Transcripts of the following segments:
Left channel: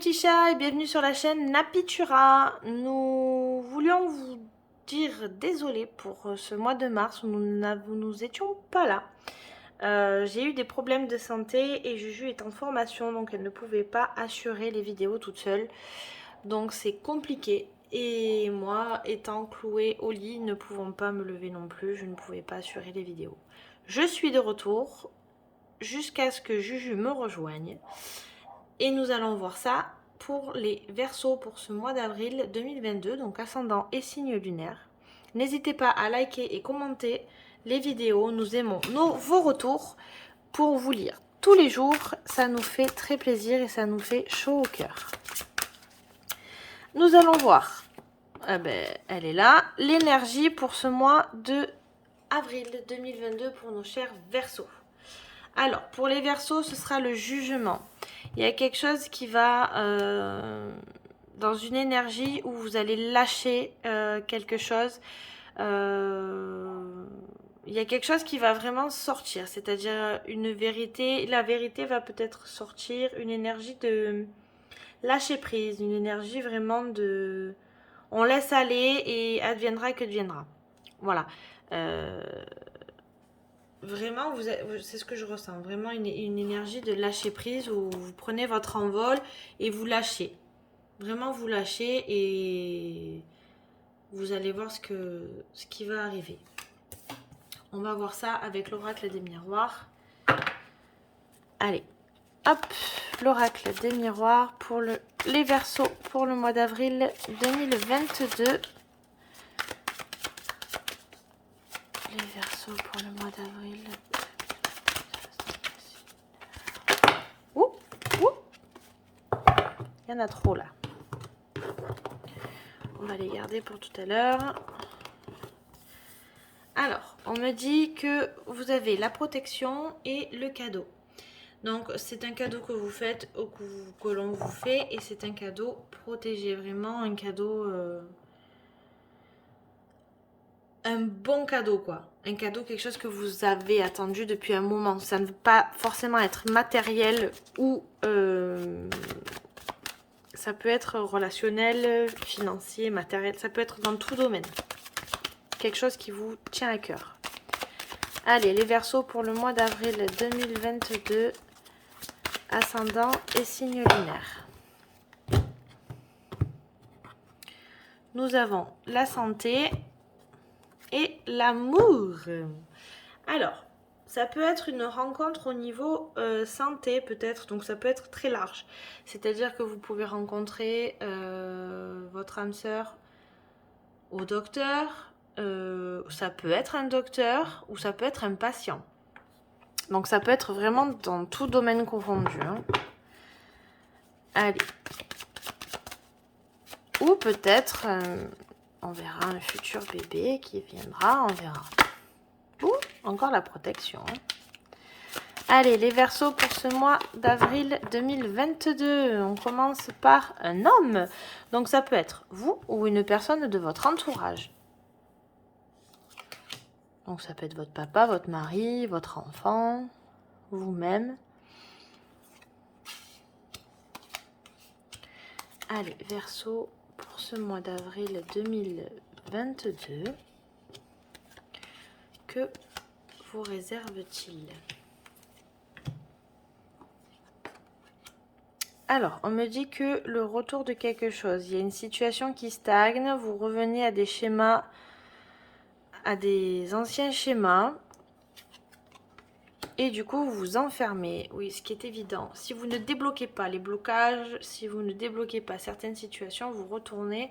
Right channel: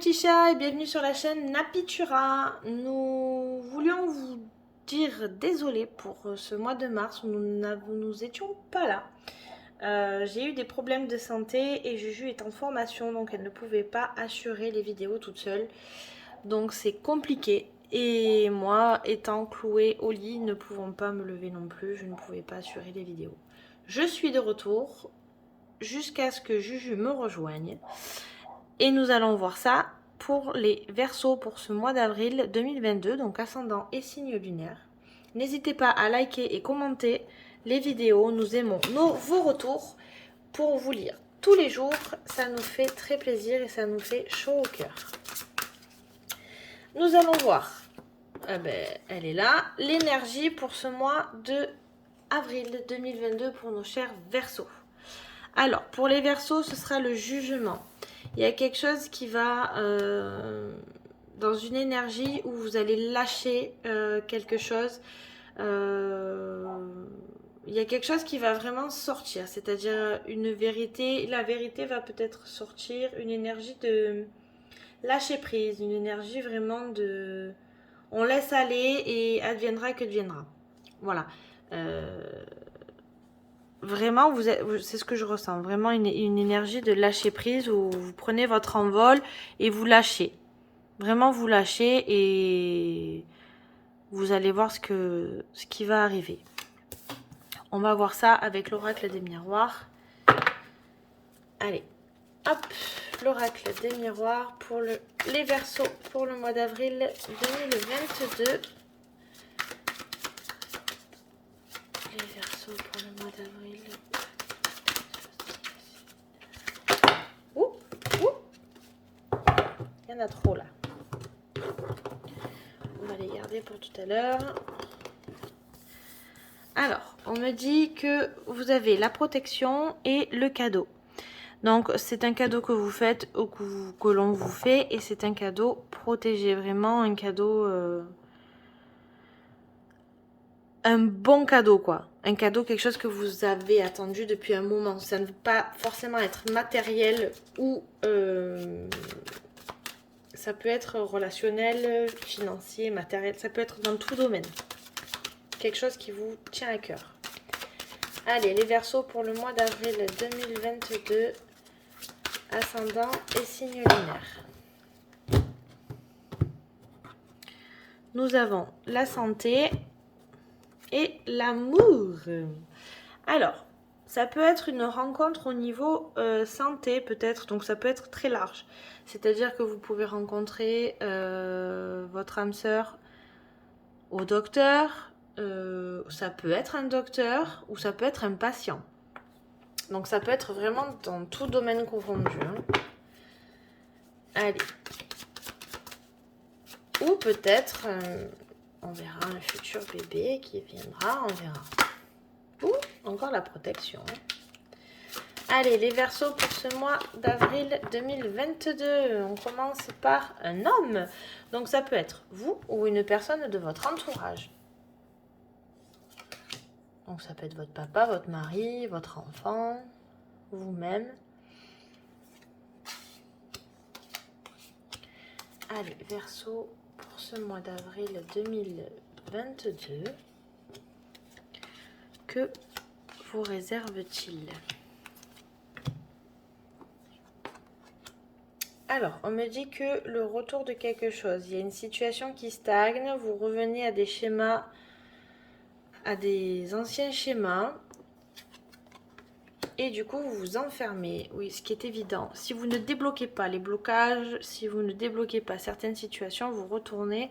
petits chats et bienvenue sur la chaîne Napitura. Nous voulions vous dire désolé pour ce mois de mars où nous étions pas là. J'ai eu des problèmes de santé et Juju est en formation donc elle ne pouvait pas assurer les vidéos toute seule. Donc c'est compliqué et moi étant clouée au lit ne pouvant pas me lever non plus, je ne pouvais pas assurer les vidéos. Je suis de retour jusqu'à ce que Juju me rejoigne. Et nous allons voir ça pour les Verseaux pour ce mois d'avril 2022, donc ascendant et signe lunaire. N'hésitez pas à liker et commenter les vidéos. Nous aimons vos retours pour vous lire tous les jours. Ça nous fait très plaisir et ça nous fait chaud au cœur. Nous allons voir, elle est là, l'énergie pour ce mois de avril 2022 pour nos chers Verseaux. Alors, pour les Verseaux, ce sera le jugement. Il y a quelque chose qui va dans une énergie où vous allez lâcher quelque chose. Il y a quelque chose qui va vraiment sortir, c'est-à-dire une vérité. La vérité va peut-être sortir, une énergie de lâcher prise, une énergie vraiment de... On laisse aller et adviendra que deviendra. Voilà. Vraiment, c'est ce que je ressens, vraiment une énergie de lâcher prise où vous prenez votre envol et vous lâchez. Vraiment, vous lâchez et vous allez voir ce qui va arriver. On va voir ça avec l'oracle des miroirs. Allez, hop, l'oracle des miroirs pour les Verseaux pour le mois d'avril 2022. Les Verseaux pour le mois d'avril. Il y en a trop là. On va les garder pour tout à l'heure. Alors, on me dit que vous avez la protection et le cadeau. Donc, c'est un cadeau que vous faites ou que l'on vous fait. Et c'est un cadeau protégé. Vraiment un cadeau... un bon cadeau, quoi. Un cadeau, quelque chose que vous avez attendu depuis un moment. Ça ne veut pas forcément être matériel ou... ça peut être relationnel, financier, matériel. Ça peut être dans tout domaine. Quelque chose qui vous tient à cœur. Allez, les Verseaux pour le mois d'avril 2022. Ascendant et signe lunaire. Nous avons la santé et l'amour. Alors, ça peut être une rencontre au niveau santé peut-être, donc ça peut être très large. C'est-à-dire que vous pouvez rencontrer votre âme sœur au docteur, ça peut être un docteur ou ça peut être un patient. Donc ça peut être vraiment dans tout domaine confondu. Hein. Allez. Ou peut-être, on verra un futur bébé qui viendra, on verra. Ou encore la protection. Allez, les Verseaux pour ce mois d'avril 2022. On commence par un homme. Donc ça peut être vous ou une personne de votre entourage. Donc ça peut être votre papa, votre mari, votre enfant, vous-même. Allez, Verseau pour ce mois d'avril 2022. Que vous réserve-t-il? Alors, on me dit que le retour de quelque chose, il y a une situation qui stagne, vous revenez à des schémas, à des anciens schémas, et du coup, vous vous enfermez. Oui, ce qui est évident. Si vous ne débloquez pas les blocages, si vous ne débloquez pas certaines situations, vous retournez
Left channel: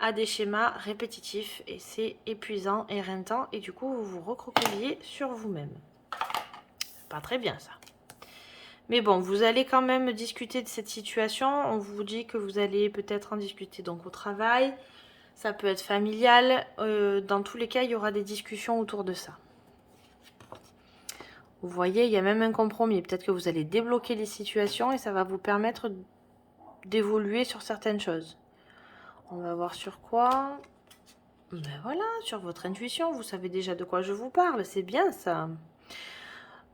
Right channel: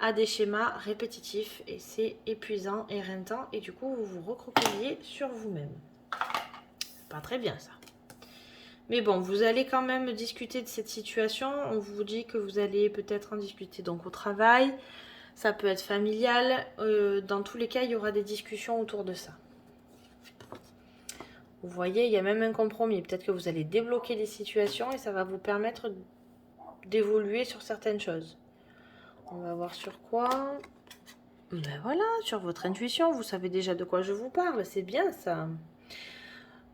à des schémas répétitifs, et c'est épuisant, éreintant, et du coup, vous vous recroquevillez sur vous-même. Pas très bien, ça. Mais bon, vous allez quand même discuter de cette situation. On vous dit que vous allez peut-être en discuter donc au travail. Ça peut être familial. Dans tous les cas, il y aura des discussions autour de ça. Vous voyez, il y a même un compromis. Peut-être que vous allez débloquer les situations et ça va vous permettre d'évoluer sur certaines choses. On va voir sur quoi. Ben voilà, sur votre intuition. Vous savez déjà de quoi je vous parle. C'est bien ça.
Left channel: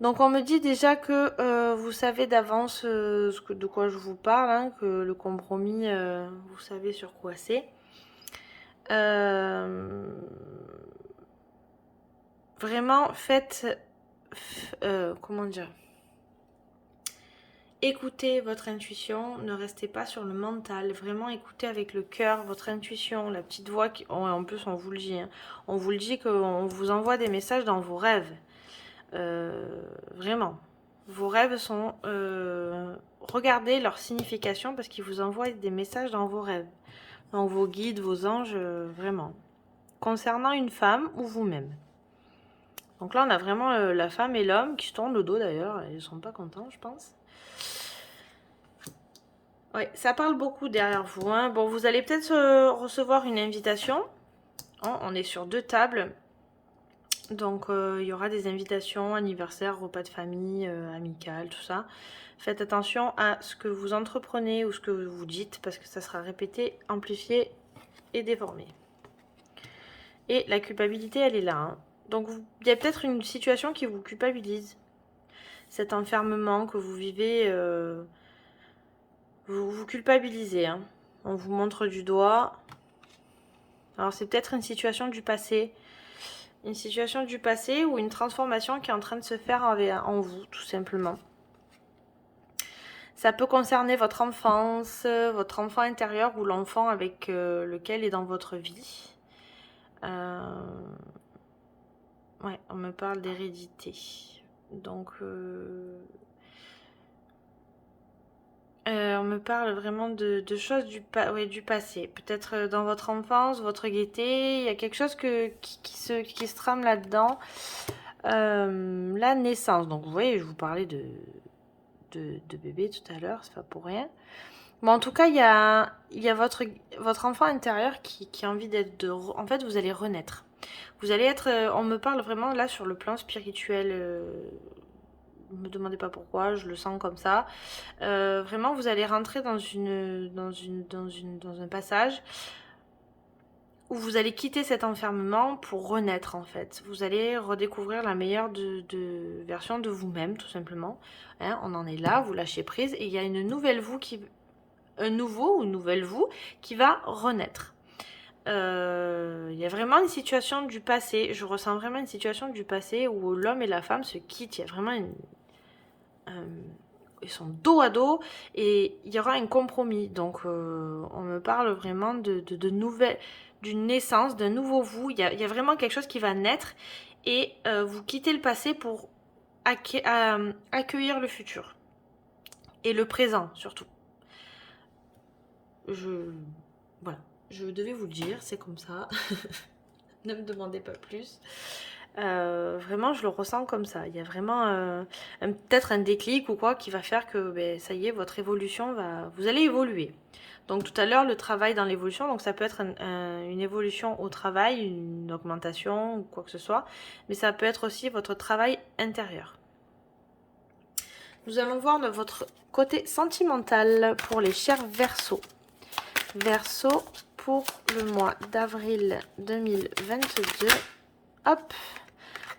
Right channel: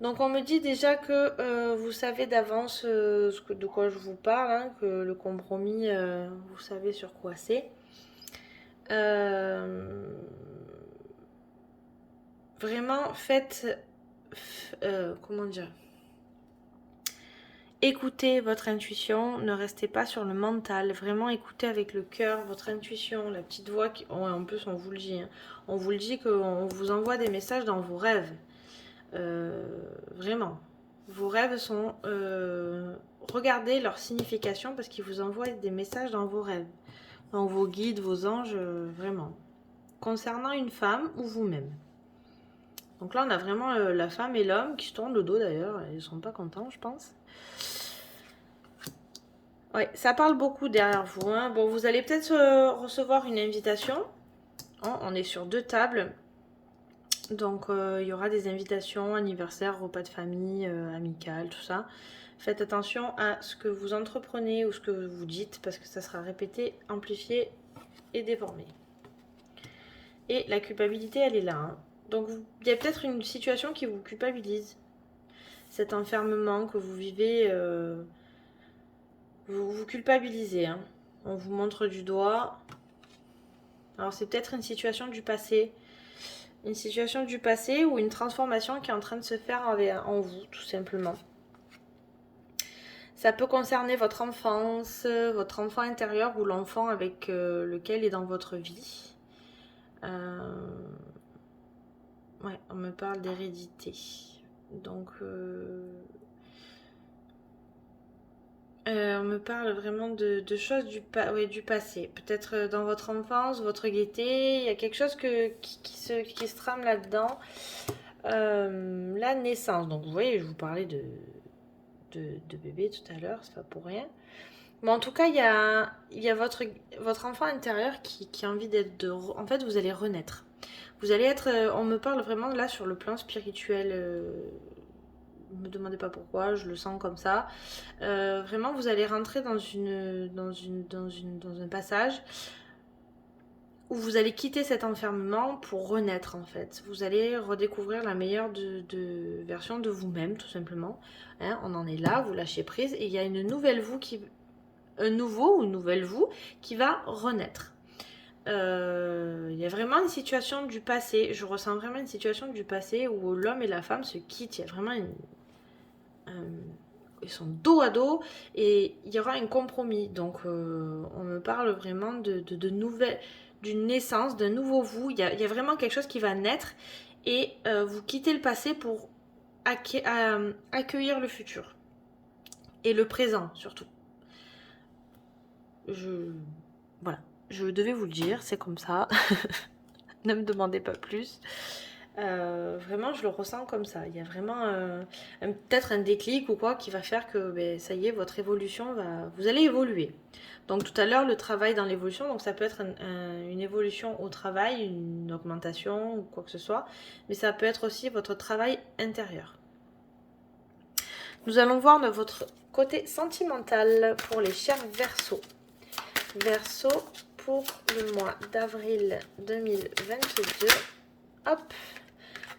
Donc on me dit déjà que vous savez d'avance de quoi je vous parle, hein, que le compromis, vous savez sur quoi c'est. Vraiment, faites... comment dire? Écoutez votre intuition, ne restez pas sur le mental, vraiment écoutez avec le cœur votre intuition, la petite voix qui... en plus on vous le dit, hein. On vous le dit qu'on vous envoie des messages dans vos rêves. Vraiment. Vos rêves sont... regardez leur signification parce qu'ils vous envoient des messages dans vos rêves. Dans vos guides, vos anges, vraiment. Concernant une femme ou vous-même. Donc là, on a vraiment la femme et l'homme qui se tournent le dos d'ailleurs. Ils ne sont pas contents, je pense. Oui, ça parle beaucoup derrière vous, hein. Bon, vous allez peut-être recevoir une invitation. Oh, on est sur 2 tables. Donc, il y aura des invitations, anniversaire, repas de famille, amical, tout ça. Faites attention à ce que vous entreprenez ou ce que vous dites parce que ça sera répété, amplifié et déformé. Et la culpabilité, elle est là, hein. Donc, il y a peut-être une situation qui vous culpabilise. Cet enfermement que vous vivez, vous vous culpabilisez, hein. On vous montre du doigt. Alors, c'est peut-être une situation du passé. Une situation du passé ou une transformation qui est en train de se faire en vous, tout simplement. Ça peut concerner votre enfance, votre enfant intérieur ou l'enfant avec lequel est dans votre vie. Ouais, on me parle d'hérédité. Donc, on me parle vraiment de choses du passé. Peut-être dans votre enfance, votre gaieté, il y a quelque chose qui se trame là-dedans. La naissance. Donc, vous voyez, je vous parlais de bébé tout à l'heure, c'est pas pour rien. Bon, en tout cas, il y a votre enfant intérieur qui a envie d'être... En fait, vous allez renaître. Vous allez être... on me parle vraiment là sur le plan spirituel. Ne me demandez pas pourquoi, je le sens comme ça. Vraiment, vous allez rentrer dans un passage où vous allez quitter cet enfermement pour renaître en fait. Vous allez redécouvrir la meilleure version de vous-même tout simplement. Hein, on en est là, vous lâchez prise et il y a une nouvelle vous un nouveau ou une nouvelle vous qui va renaître. Il y a vraiment une situation du passé. Je ressens vraiment une situation du passé où l'homme et la femme se quittent. Il y a vraiment ils sont dos à dos et il y aura un compromis. Donc, on me parle vraiment de nouvelles, d'une naissance, d'un nouveau vous. Il y a vraiment quelque chose qui va naître et vous quittez le passé pour accueillir le futur et le présent surtout. Voilà, je devais vous le dire, c'est comme ça. Ne me demandez pas plus. Vraiment, je le ressens comme ça. Il y a vraiment peut-être un déclic ou quoi qui va faire que ça y est, votre évolution va... Vous allez évoluer. Donc tout à l'heure, le travail dans l'évolution, donc ça peut être une évolution au travail, une augmentation ou quoi que ce soit, mais ça peut être aussi votre travail intérieur. Nous allons voir de votre côté sentimental pour les chers Verseaux. Verseau pour le mois d'avril 2022. Hop.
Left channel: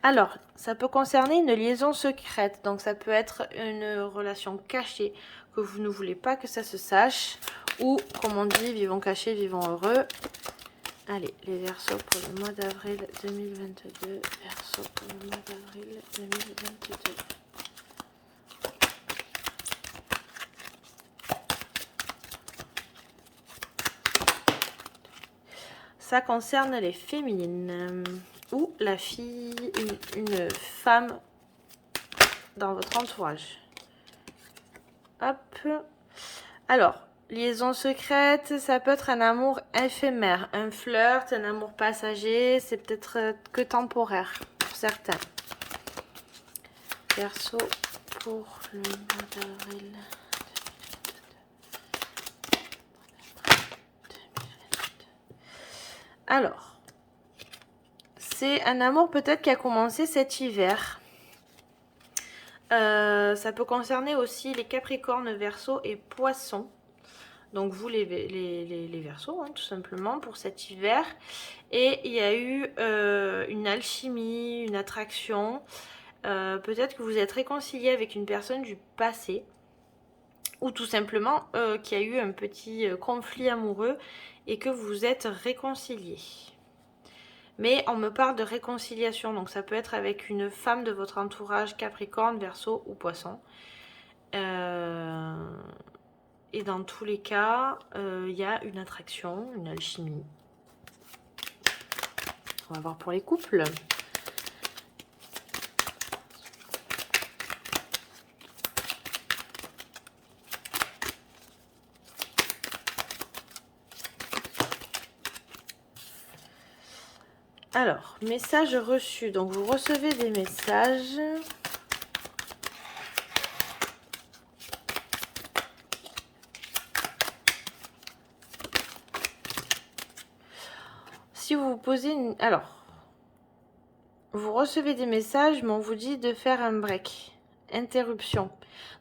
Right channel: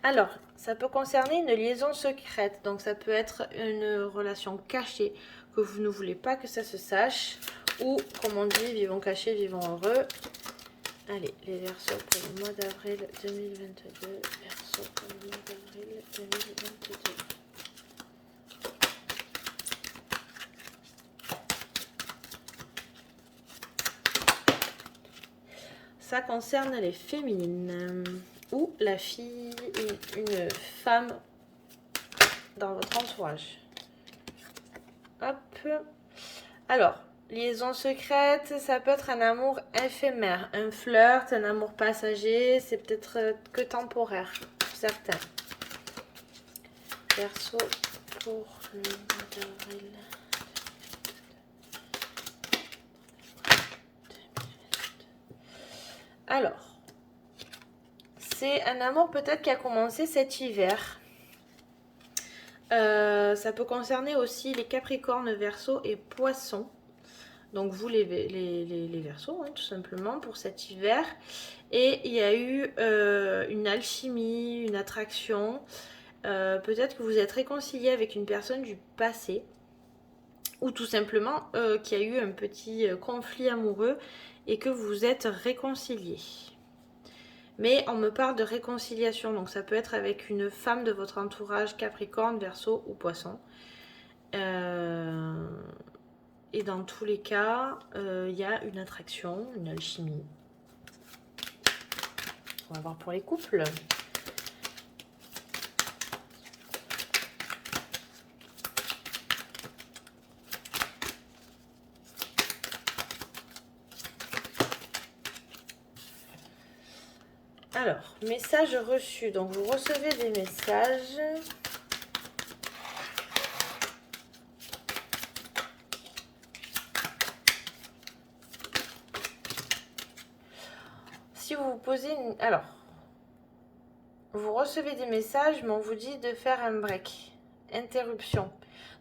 Alors, ça peut concerner une liaison secrète. Donc, ça peut être une relation cachée que vous ne voulez pas que ça se sache. Ou, comme on dit, vivons cachés, vivons heureux. Allez, les Verseaux pour le mois d'avril 2022. Verseau pour le mois d'avril 2022. Ça concerne les féminines ou la fille, une femme dans votre entourage. Hop. Alors, liaison secrète, ça peut être un amour éphémère, un flirt, un amour passager, c'est peut-être que temporaire pour certains. Verseau pour le mois d'avril. Alors, c'est un amour peut-être qui a commencé cet hiver. Ça peut concerner aussi les Capricornes, Verseaux et Poissons. Donc vous les Verseaux, hein, tout simplement, pour cet hiver. Et il y a eu une alchimie, une attraction. peut-être que vous êtes réconcilié avec une personne du passé ou tout simplement qu'il y a eu un petit conflit amoureux et que vous êtes réconciliés. Mais on me parle de réconciliation, donc ça peut être avec une femme de votre entourage, Capricorne, Verseau ou Poisson. Et dans tous les cas, il y a une attraction, une alchimie. On va voir pour les couples. Alors, message reçu. Donc, vous recevez des messages. Si vous vous posez une... Alors, vous recevez des messages, mais on vous dit de faire un break. Interruption.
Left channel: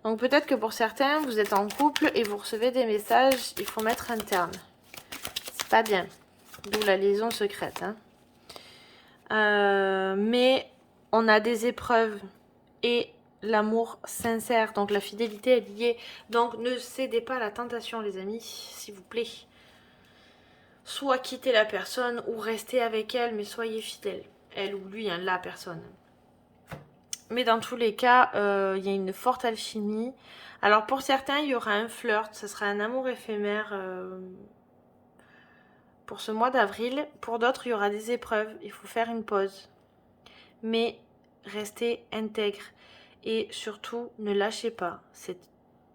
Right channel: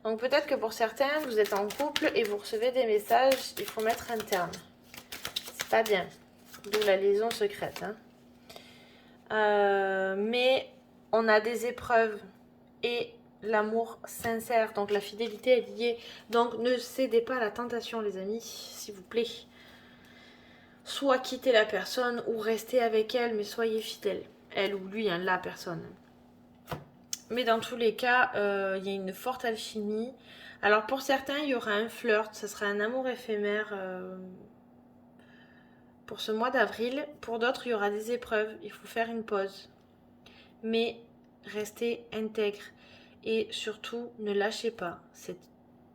Donc, peut-être que pour certains, vous êtes en couple et vous recevez des messages, il faut mettre un terme. C'est pas bien. D'où la liaison secrète, hein. Mais on a des épreuves et l'amour sincère, donc la fidélité est liée. Donc ne cédez pas à la tentation, les amis, s'il vous plaît. Soit quittez la personne ou restez avec elle, mais soyez fidèles. Elle ou lui, hein, la personne. Mais dans tous les cas, il y a une forte alchimie. Alors pour certains, il y aura un flirt, ce sera un amour éphémère pour ce mois d'avril. Pour d'autres, il y aura des épreuves, il faut faire une pause. Mais restez intègre et surtout ne lâchez pas. C'est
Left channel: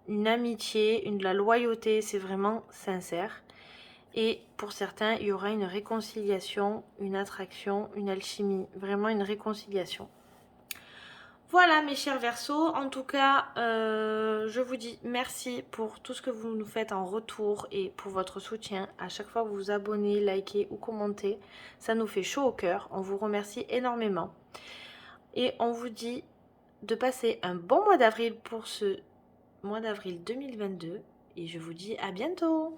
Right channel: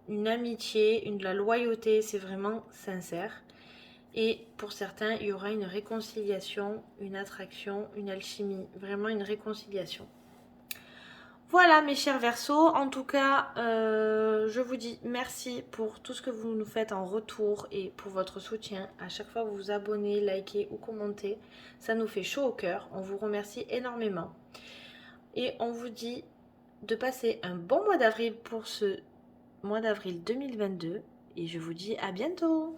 une amitié, de la loyauté, c'est vraiment sincère. Et pour certains, il y aura une réconciliation, une attraction, une alchimie, vraiment une réconciliation. Voilà mes chers Verseaux, en tout cas, je vous dis merci pour tout ce que vous nous faites en retour et pour votre soutien. À chaque fois que vous vous abonnez, likez ou commentez, ça nous fait chaud au cœur. On vous remercie énormément. Et on vous dit de passer un bon mois d'avril pour ce mois d'avril 2022. Et je vous dis à bientôt.